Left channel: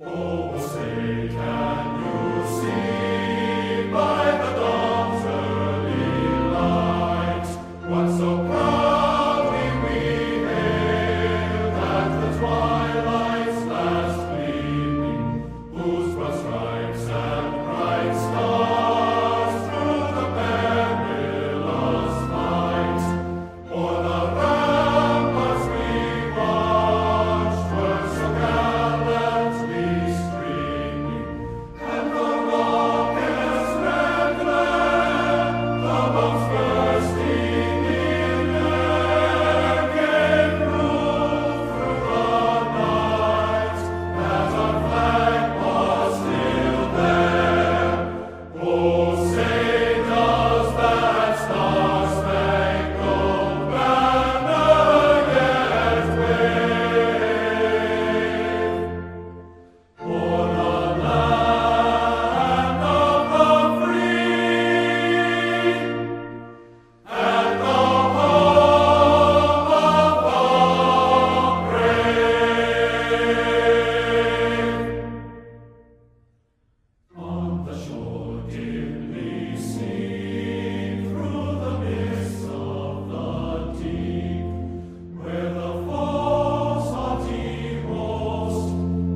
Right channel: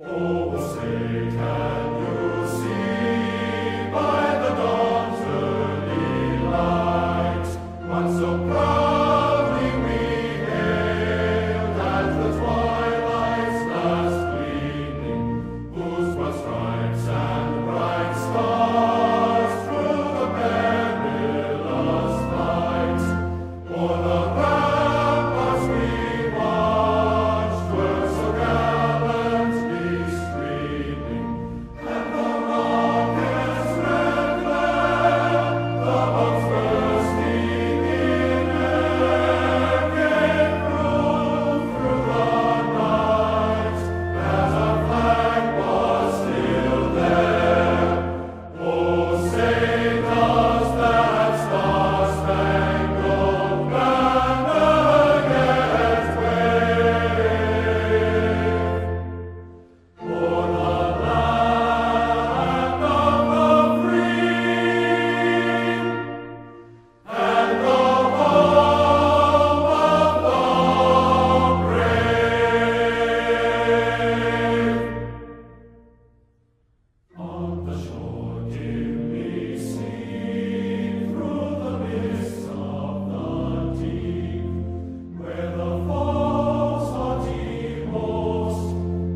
Oh, say, can you see by the dawn's early light what so proudly we hailed at the twilight's last gleaming, whose broad stripes and bright stars through the perilous fight o'er the ramparts we watched were so gallantly streaming, and the rocket's red glare, the bombs bursting in air, gave proof through the night that a flag was still there. Oh, say does that star-spangled banner yet wave o'er the land of the free and the home of the brave? On the shore dimly seen through the mists of the deep, where the foe's haughty host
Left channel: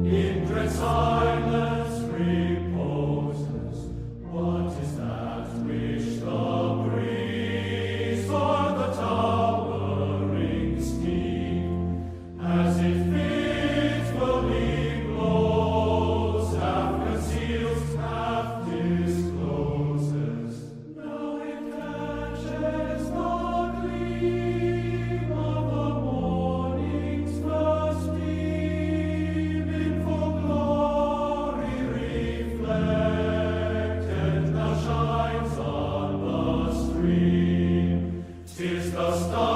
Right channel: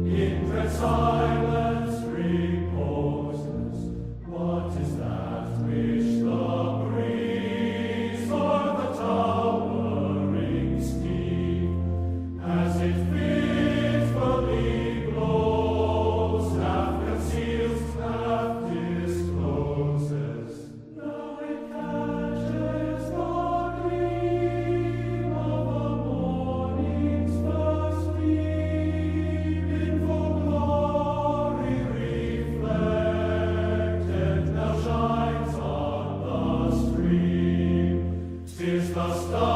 in dread silence reposes, what is that which the breeze o'er the towering steep, as it fitfully blows, half conceals, half discloses? Now it catches the gleam of the morning's first beam, in full glory reflected, now shines on the stream. 'Tis the star